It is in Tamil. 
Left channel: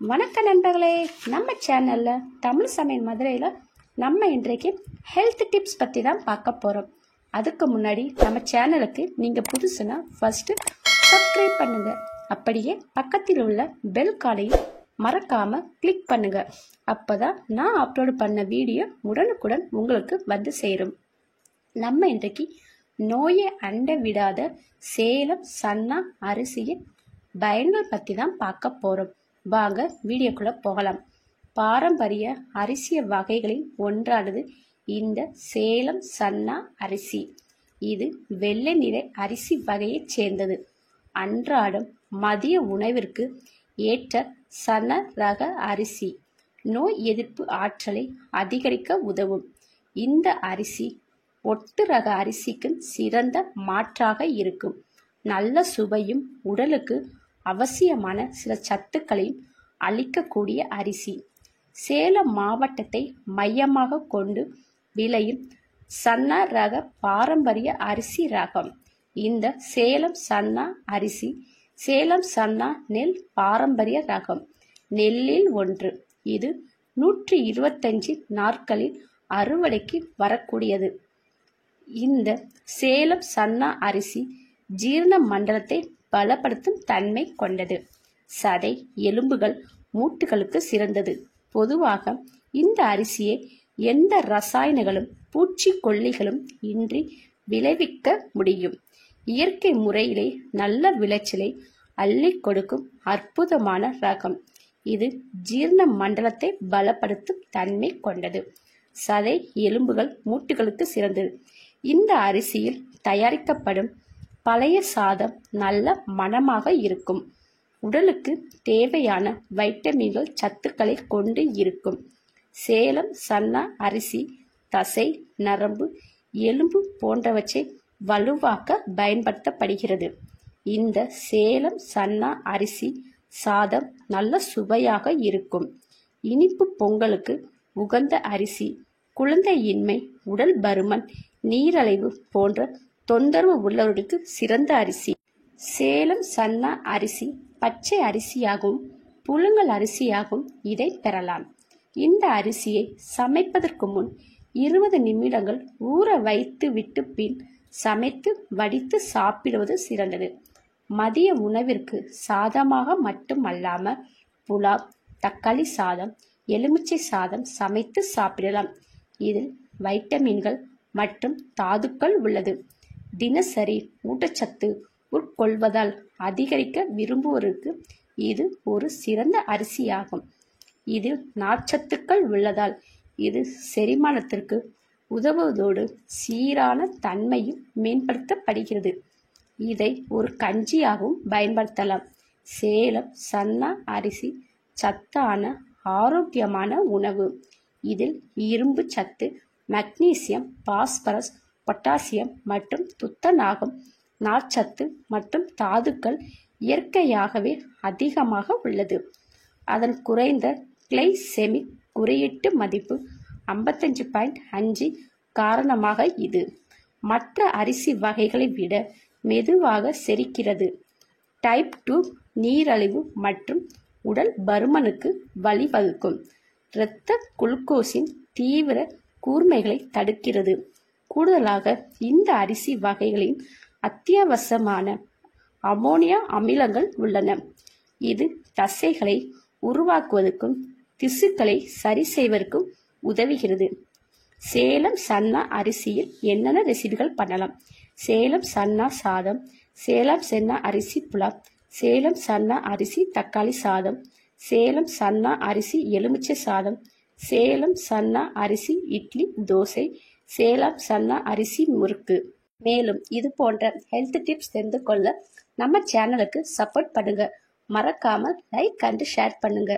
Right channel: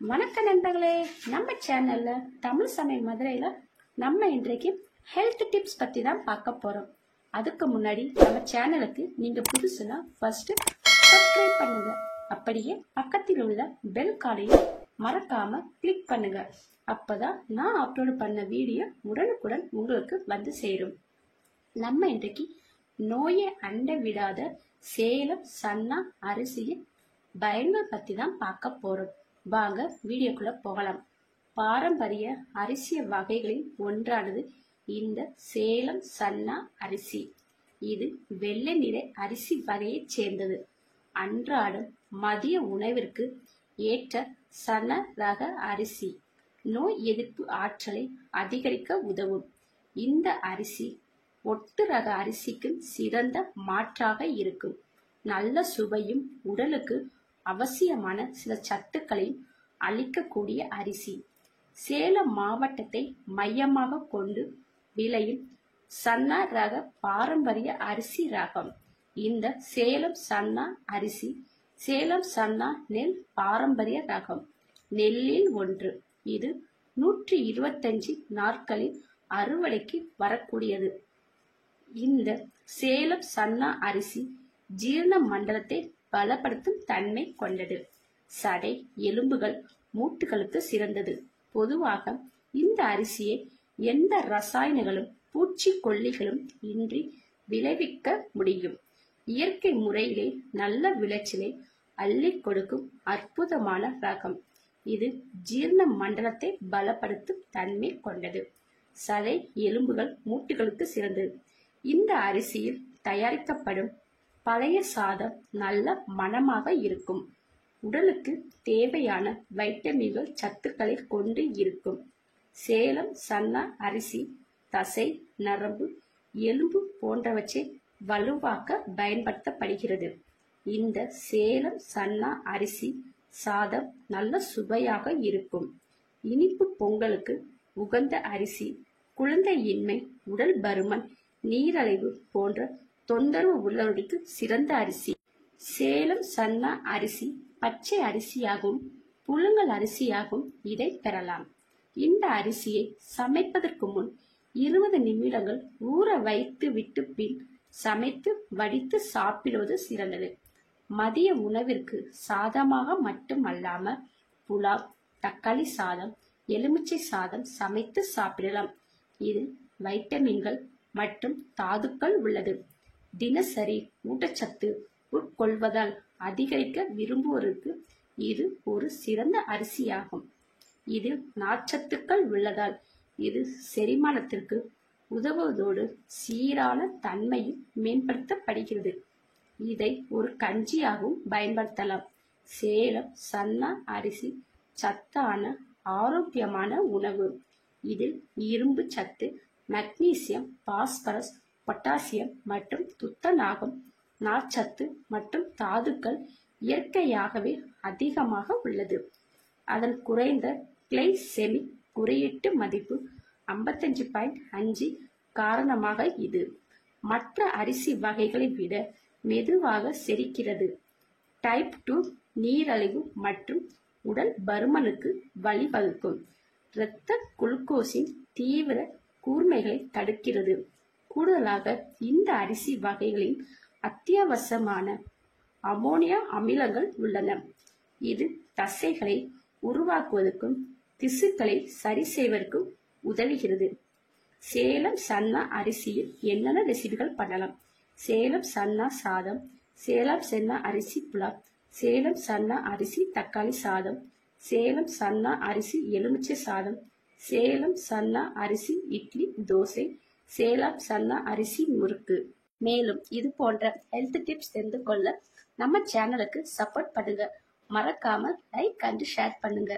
வணக்க நண்பர்களே, நம்ம சேனல்ல தமிழ் சமையல் மதுரையில் நம்ம இன்றைக்கு ஹெல்த் டிப்ஸ் பற்றி தான் பார்க்க போகிறோம். அதுக்கு முன்னாடி நம்ம சேனலுக்கு நீங்கள் புதுசுனா ஃபர்ஸ்ட் சப்ஸ்கிரைப் பண்ணுங்க. அப்படியே பக்கத்தில் உள்ள பெல் காலையும் மறக்காம கிளிக் பண்ணுங்க. அப்பதான் நான் அப்லோடு பண்ண வீடியோ உடனுக்குடன் உங்களுக்கு வந்து சேரும். நம்ம இன்றைக்கு நோயை அண்ட விடாத சேலம் சன்னா அரிசியின் பயன்கள் பற்றி தான் பார்க்க போகிறோம். வாங்க வீடியோக்குள்ள போகலாம். பாரம்பரிய அரிசி வகைகளில் ஒன்றானது இந்த சேலம் சன்னா அரிசி. இது வெள்ளை நிற அரிசி வகையைச் சேர்ந்தது. அன்றாடம் மதிய உணவிற்கு ஏற்ற சன ரக அரிசி நோய் எதிர்ப்பு ஆற்றலை அதிகரிக்க உதவும். இந்த அரிசி ஒட்டு ரக அரிசிக்கு சிறந்த மாற்றாக இருக்கும். நல்ல சுவையும் உடலுக்கு அவசியமான சில சத்துக்களையும் அளிக்கக்கூடிய அரிசி. சேலம் மாவட்டத்தை மையமாக கொண்டு விளையும் சன்னா ரக பாரம்பரிய அரிசி ரகம். இந்த சேலம் சன்னா அரிசி சேலம் சன்னா நெல் பாரம்பரிய ரகம் நெல்லில் ஒன்று. இது 125 நாட்களில் அறுவடைக்கு வரக்கூடியது. இந்த சேலம் சன்னா அரிசி ஜீரண மண்டலத்தை பலப்படுத்தும் தன்மை கொண்டது. சதை எலும்புகள் மூட்டுகளுக்கு சிறந்தது. பொதுவாக இந்த அரிசியை எந்த ரசாயனங்களும் பூச்சிக்கொல்லிகளும் இன்றி விளைவிக்க முடியும். இயற்கை முறையிலே நல்ல விளைச்சலை அள்ளி கொடுக்கும் அற்புதமான ரகம். இது ஜீரண மண்டலத்தை பலப்படுத்தும் தன்மை கொண்டது. சதை எலும்புகள் மூட்டுகளுக்கு சிறந்தது. இந்த அரிசியில் தயாரிக்கப்படும் பழைய சாதம் நல்ல மணமாக இருக்கும். உடலுக்கு தேவையான வைட்டமின்கள் சத்துக்களை கொண்டு இருக்கும். சேலம் சன்னா அரிசி தசை நரம்பு எலும்பு போன்றவற்றை வலுவாக்க பயன்படுத்தப்படுகிறது. இந்த சேலம் சன்னா அரிசி சாதம் நல்ல சுவையாக இருக்கும். இனிப்பு பொங்கலுக்கு உகந்த அரிசி. குழந்தையின்மை உடல் பருமன் நீரழிவு போன்ற தொந்தரவு உள்ளவர்களுக்கு சிறந்த அரிசி. சேலம் சன்னா அரிசி பச்சை அரிசியாகவும் புழுங்கல் அரிசியாகவும் இதை பெறலாம். இந்த அரிசியை சமைப்பதற்கு முன் 20 நிமிடங்கள் ஊற வைத்து விட்டு பின் சமைத்து வடித்து சாப்பிடுவது சிறந்தது. மதிய உணவிற்கு சாதமாக மட்டுமல்லாம புலாவ் தக்காளி சாதம் எலுமிச்சை சாதம் சமைத்து சாப்பிடலாம். இதில் வைட்டமின்கள் மற்றும் தாதுக்கள் உள்ளது. தினசரி ஊட்டச்சத்து உட்கொள்வதால் அதிகரிக்க விரும்புவோருக்கு இது ஒரு சிறந்த அரிசியாகும். இதில் நார்ச்சத்துக்கள் உள்ளதால் இது செரிமானத்திற்கு உதவுவதோடு சீரான தன்மையும் மேம்படுத்தப்படுகிறது. இதை ஒரு கஞ்சியாகவும் பயன்படுத்தலாம். சேலம் சன்னா அரிசி சத்தான ஆரோக்கியமான உணவு. இதில் இரும்பு சத்து மக்னீசியம் பாஸ்பரஸ் பொட்டாசியம் மற்றும் துத்தநாகம் நார்ச்சத்து மற்றும் தாதுக்கள் இயற்கையாகவே அதிகமாக உள்ளது. அதன் குறைந்த கிளைசெமிக் குறியீட்டு மதிப்பு 55.5 காரணமாக இது மற்ற அரிசி வகைகளை விட மெதுவாக செரிக்கிறது. டைப் 2 நீரழிவு மற்றும் உடல் பருமனுக்கு வழிவகுக்கும். இரத்த குளுக்கோஸின் தீவிர கூர்மைகளை தடுக்கிறது. கூடுதலாக இந்த அரிசி வகைகளின் அத்தியாவசியமான அமோனியா அமிலங்கள் உள்ளன. இது தசைகளை உருவாக்குவதற்கும் திசுக்களை சரி செய்வதற்கும் உதவுகிறது. சேலம் சன்னா அரிசியில் என்னென்ன ரெசிபிகள் பண்ணலாம்? சேலம் சன்னா சாதம், சேலம் சன்னா அரிசி புலாவ், சேலம் சன்னா அரிசி தக்காளி சாதம், சேலம் சன்னா அரிசி எலுமிச்சை சாதம், சேலம் சன்னா அரிசி இட்லி தோசை, சேலம் சன்னா அரிசி முறுக்கு. மேலும் இது போன்ற ஹெல்த் டிப்ஸ் தெரிந்து கொள்ள நம்ம சேனலுக்கு சப்போர்ட் பண்ணுங்க. மறக்காம லைக் அண்ட் ஷேர் பண்ணுங்க.